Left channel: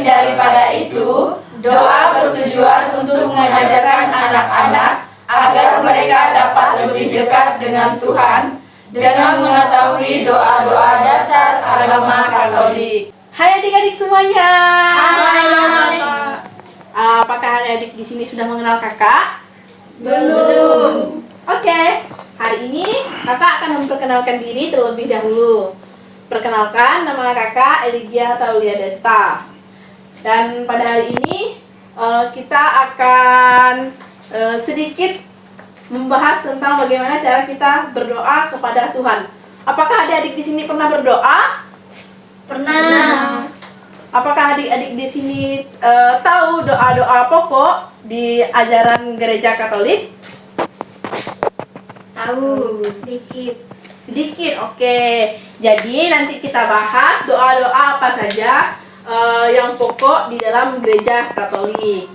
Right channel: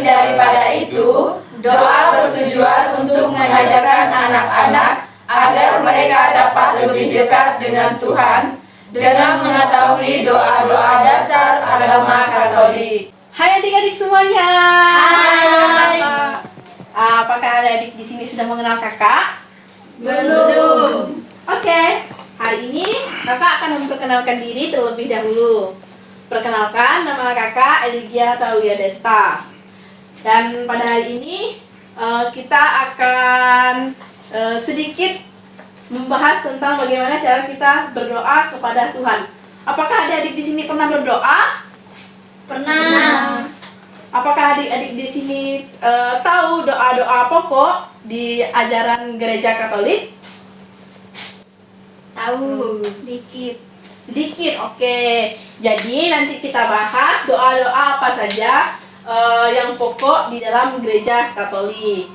Selain daripada itu, doa bertujuan untuk mengajarkan anak-anak agar mereka dapat lebih dekat dengan Tuhan dengan mengetahui doa-doa dasar agama Katolik. Hai adik-adik semuanya. Hai. Apakah adik-adik di sini sudah mengenal kakak? Belum. Oke, hari ini kakak akan memperkenalkan diri terlebih dahulu. Perkenalkan, nama kakak Eligia Taulia Desta. Dan pada hari ini kita akan sedikit membahas tentang bagaimana cara kita berdoa kepada Tuhan. Apakah adik-adik di sini pernah berdoa? Pernah. Apakah adik-adik di sini tahu doa-doa pokok di ajaran gereja Katolik? Tahu dikit. Sedikit, oke. Jadi nanti kita bahas doa-doa apa saja yang pokok di dalam gereja Katolik.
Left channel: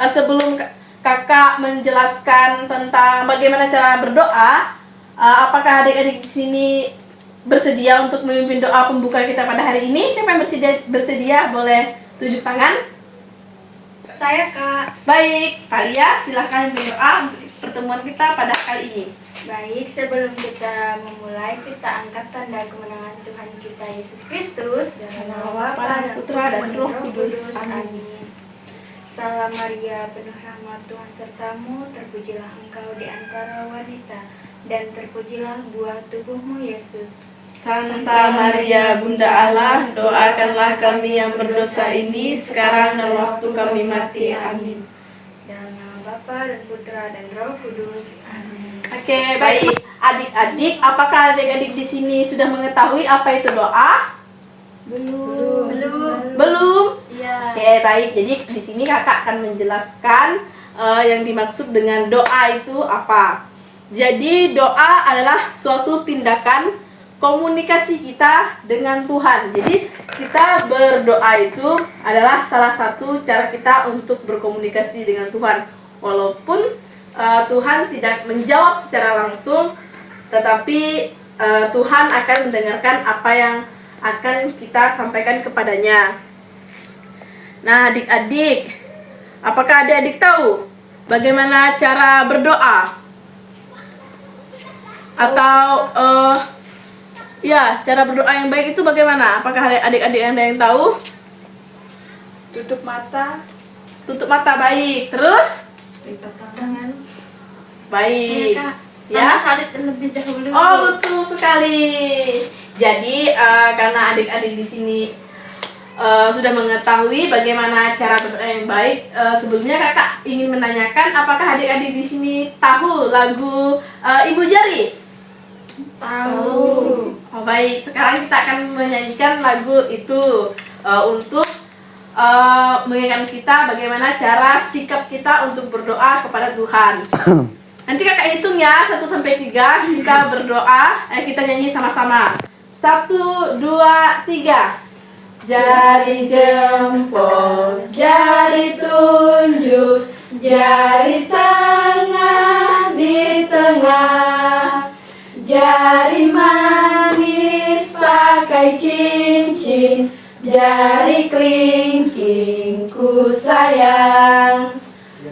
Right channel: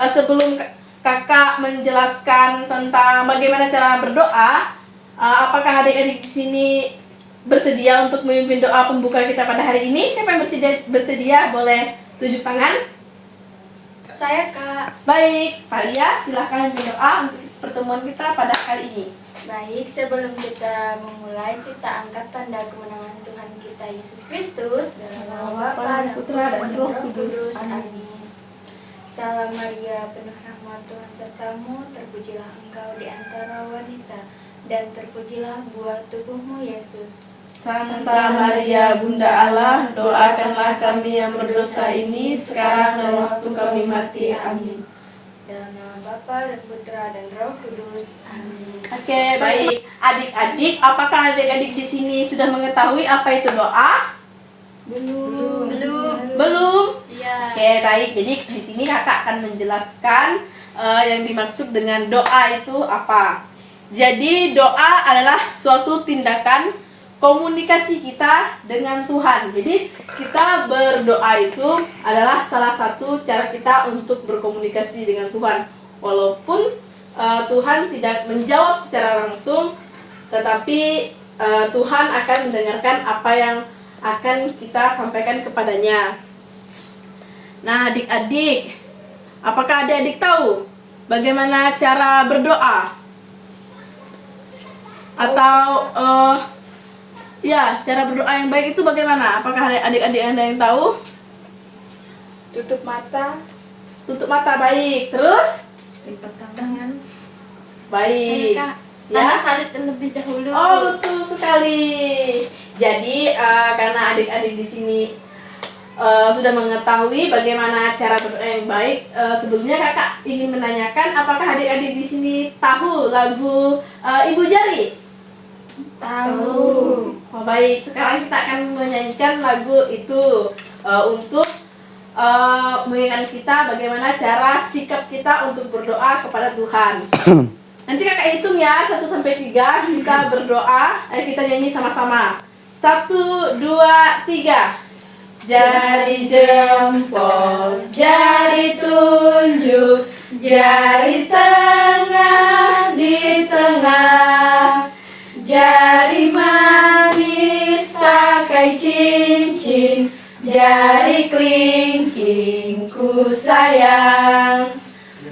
Sebelum kakak menjelaskan tentang bagaimana cara berdoa, apakah adik-adik di sini bersedia untuk memimpin doa pembuka kita pada hari ini? Siapa yang bersedia boleh tunjuk tangan. Saya, Kak. Baik, Kalia silahkan memimpin doa untuk pertemuan kita pada kali ini. Baik, sebelum kita memulai, kita angkat tanda kemenangan Tuhan kita Yesus Kristus dalam nama Bapa dan Putra dan Roh Kudus. Amin. Salam Maria, penuh rahmat Tuhan sertamu, terpujilah engkau di antara wanita, dan terpujilah buah tubuhmu Yesus. Santa Maria, Bunda Allah, doakanlah kami yang berdosa ini sekarang dan waktu kami mati. Amin. Dalam nama Bapa dan Putra dan Roh Kudus. Amin. Oke, baik. Adik-adik, apakah adik-adik di sini sudah mengetahui apa itu doa? Belum. Belum? Iya. Oke, baik. Jadi di sini kakak akan menjelaskan yang dimaksud dengan doa itu apa. Jadi doa adalah suatu tindakan komunikasi kita dengan Tuhan. Jadi kita berdoa itu adalah salah satu cara kita untuk berkomunikasi dengan Tuhan. Walaupun Tuhan tidak menjawab secara langsung, tetapi Tuhan akan mendengarkan apa yang akan kita sampaikan kepadanya. Nah, adik-adik, apakah adik-adik tahu bagaimana cara berdoa? Atau ya, cara berdoa yang baik itu bagaimana? Apakah adik-adik ada yang tahu? Tutup mata. Tutup mata, baik. Terus? Tutup tangan. Baik. Ya, salib terlebih dahulu. Oh, betul sekali. Jadi karena adik-adik di sini sudah mengetahui bagaimana cara berdoa yang baik, sebelumnya kakak ingin menanyakan apakah adik-adik di sini tahu lagu Ibu Jari? Tahu. Oh, baik. Sekarang kita akan menyanyikan lagu itu untuk mengingatkan kita bagaimana cara sikap kita untuk berdoa kepada Tuhan. Nanti kakak hitung ya 1 sampai 3 kita berdoa, kita nyanyi sama-sama. 1, 2, 3. Jari jempol, jari tunjuk, jari tengah di tengah, jari manis pakai cincin, jari kelingking ku sayang.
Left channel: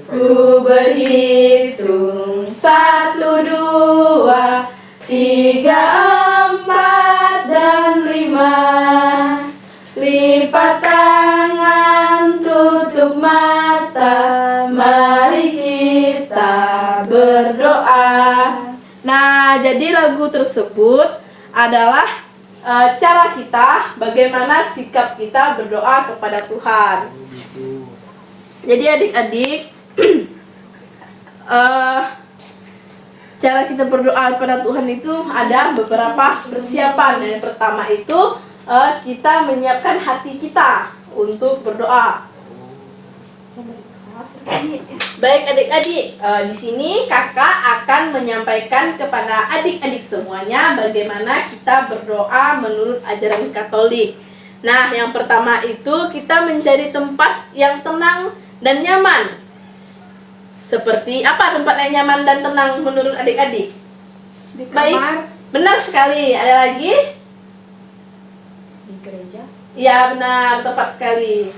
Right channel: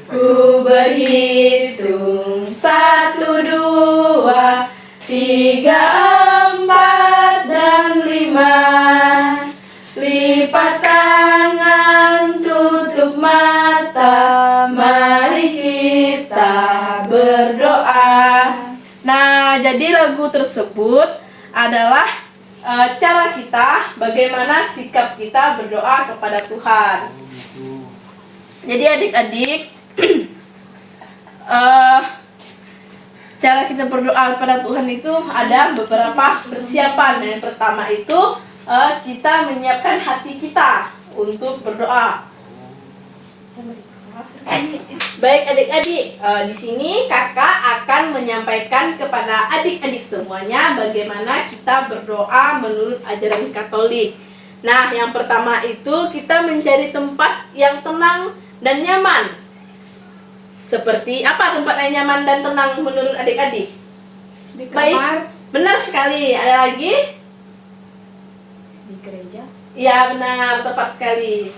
Ku berhitung 1, 2, 3, 4, dan 5. Lipat tangan, tutup mata, mari kita berdoa. Nah, jadi lagu tersebut adalah cara kita, bagaimana sikap kita berdoa kepada Tuhan. Jadi adik-adik, cara kita berdoa kepada Tuhan itu ada beberapa persiapan. Yang pertama itu kita menyiapkan hati kita untuk berdoa. Baik adik-adik, di sini kakak akan menyampaikan kepada adik-adik semuanya bagaimana kita berdoa menurut ajaran Katolik. Nah, yang pertama itu kita mencari tempat yang tenang dan nyaman. Seperti apa tempat yang nyaman dan tenang menurut adik-adik? Di kamar. Baik, benar sekali. Ada lagi? Di gereja. Iya benar, tepat sekali.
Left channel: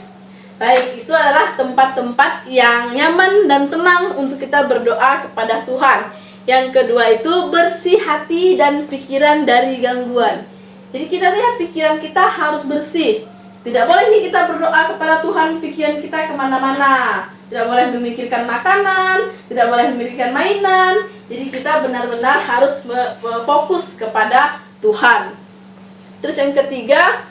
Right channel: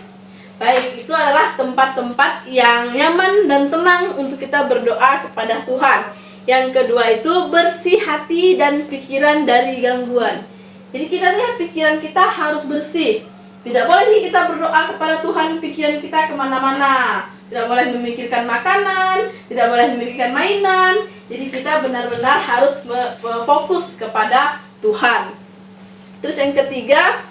Baik, itu adalah tempat-tempat yang nyaman dan tenang untuk kita berdoa kepada Tuhan. Yang kedua itu bersih hati dan pikiran dari gangguan. Jadi kita lihat pikiran kita harus bersih. Tidak boleh nih kita berdoa kepada Tuhan pikiran kita kemana-mana. Tidak boleh memikirkan makanan, tidak boleh memikirkan mainan. Jadi kita benar-benar harus fokus kepada Tuhan. Terus yang ketiga,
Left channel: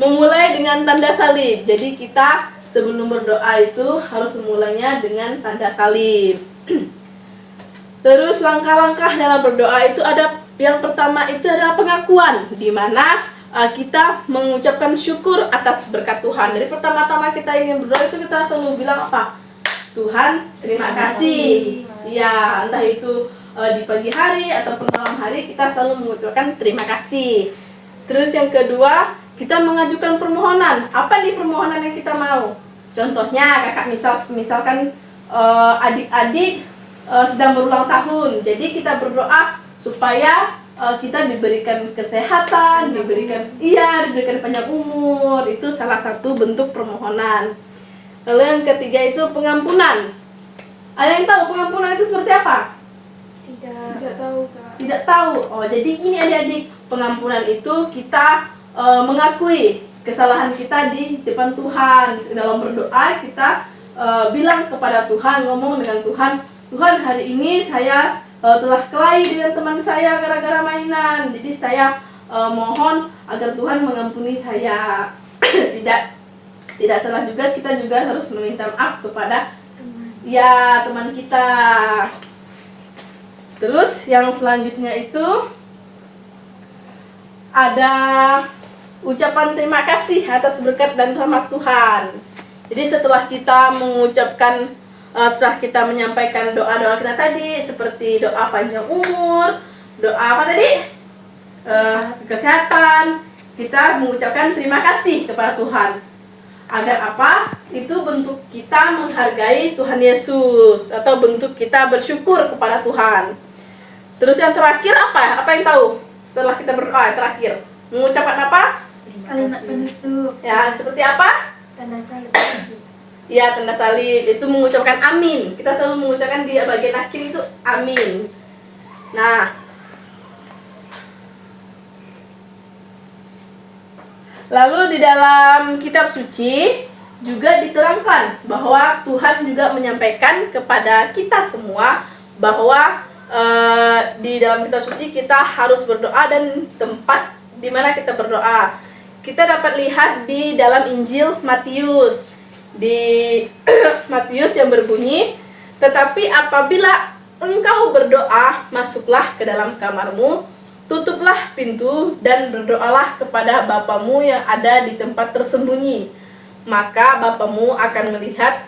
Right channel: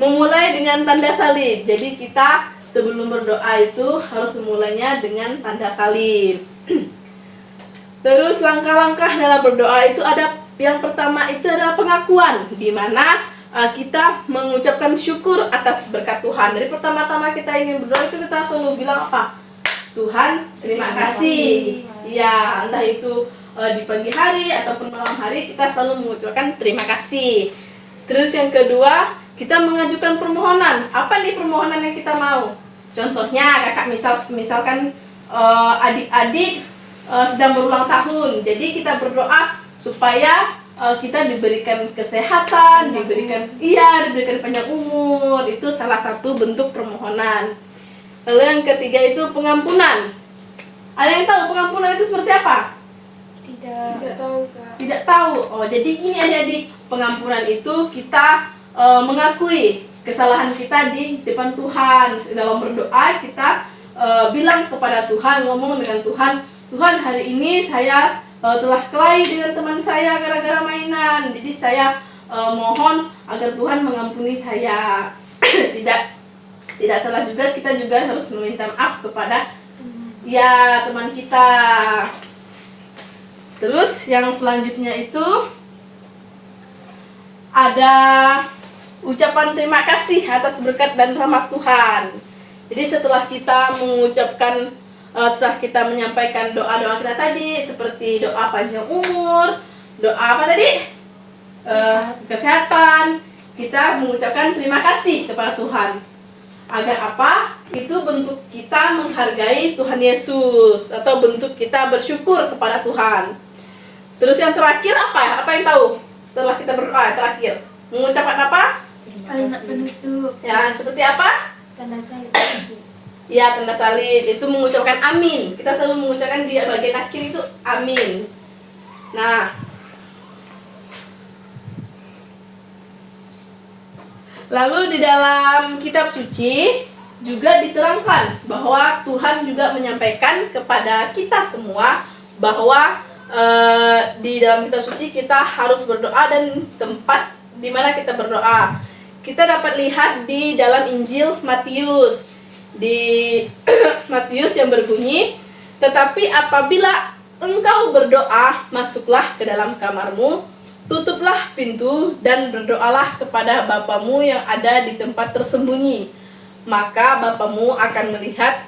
memulai dengan tanda salib. Jadi kita sebelum berdoa itu harus memulainya dengan tanda salib. Terus langkah-langkah dalam berdoa itu ada yang pertama itu adalah pengakuan, di mana kita mengucapkan syukur atas berkat Tuhan. Dari pertama-tama kita ingin berdoa itu kita selalu bilang apa? Tuhan, terima kasih. Ya, entah itu di pagi hari ataupun malam hari kita selalu mengucapkan terima kasih. Terus yang kedua, kita mengajukan permohonan. Apa nih permohonan yang kita mau? Contohnya kakak misalkan adik-adik sedang berulang tahun. Jadi kita berdoa supaya kita diberikan kesehatan, diberikan panjang umur. Itu salah satu bentuk permohonan. Lalu yang ketiga itu pengampunan. Ada yang tahu pengampunan itu seperti apa? Tidak tahu, Kak. Tidak tahu. Oh, jadi ini adik-adik, pengampunan itu kita mengakui kesalahan kita di depan Tuhan. Dalam berdoa kita bilang kepada Tuhan, ngomong dengan Tuhan, Tuhan hari ini saya telah kelahi dengan teman saya gara-gara mainan. Jadi saya mohon agar Tuhan mengampuni saya. Tidak salah juga, kita juga harus meminta maaf kepada teman kita. Terus yang selanjutnya itu ada ucapan terima kasih atas berkat dan rahmat Tuhan. Jadi setelah kita menyampaikan doa-doa kita tadi, seperti doa panjang umur, doa apa tadi? Kesehatan, kita mengucapkan terima kasih kepada Tuhan. Agar apa? Itu bentuk kita menghargai Tuhan Yesus, atau bentuk kita bersyukur kepada Tuhan. Terus yang terakhir apa? Apa yang tahu? Setelah kita berdoa, terakhir mengucapkan apa? Kalimat penutup. Ya, seperti apa? Tanda salib. Ya, tanda salib itu mengucapkan amin. Kita selalu mengucapkan di bagian akhir itu amin. Nah, lalu di dalam kitab suci juga diterangkan bahwa Tuhan juga menyampaikan kepada kita semua bahwa di dalam kitab suci kita harus berdoa, dan tempat di mana kita berdoa kita dapat lihat di dalam Injil Matius. Di Matius yang berbunyi, tetapi apabila engkau berdoa, masuklah ke dalam kamarmu, tutuplah pintu dan berdoalah kepada Bapamu yang ada di tempat tersembunyi. Maka Bapamu akan melihat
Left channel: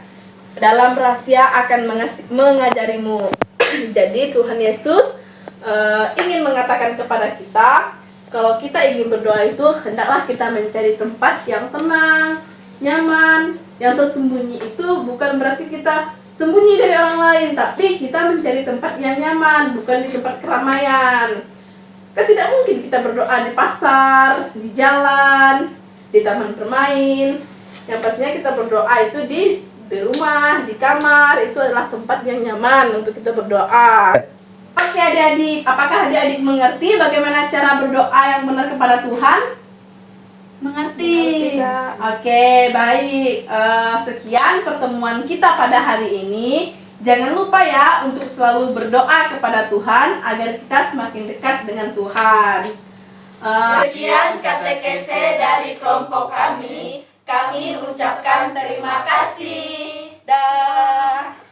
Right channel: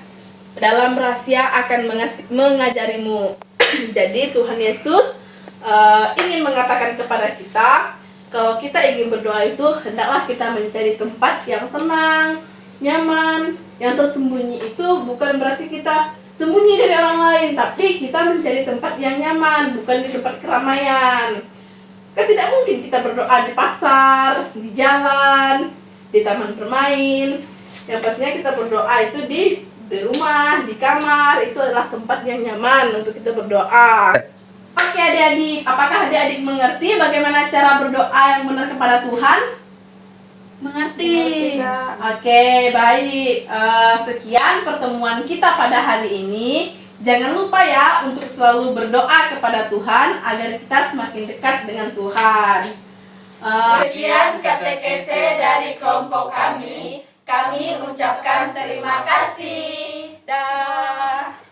dalam rahasia, akan mengajarimu. Jadi Tuhan Yesus ingin mengatakan kepada kita, kalau kita ingin berdoa itu hendaklah kita mencari tempat yang tenang, nyaman. Yang tersembunyi itu bukan berarti kita sembunyi dari orang lain, tapi kita mencari tempat yang nyaman, bukan di tempat keramaian. Kan tidak mungkin kita berdoa di pasar, di jalan, di taman bermain. Yang pastinya kita berdoa itu di rumah, di kamar. Itu adalah tempat yang nyaman untuk kita berdoa. Oke adik-adik, apakah adik-adik mengerti bagaimana cara berdoa yang benar kepada Tuhan? Mengerti. Oke, baik. Sekian pertemuan kita pada hari ini. Jangan lupa ya untuk selalu berdoa kepada Tuhan agar kita semakin dekat dengan Tuhan. Sekian katekese dari kelompok kami. Kami ucapkan terima kasih. Dah.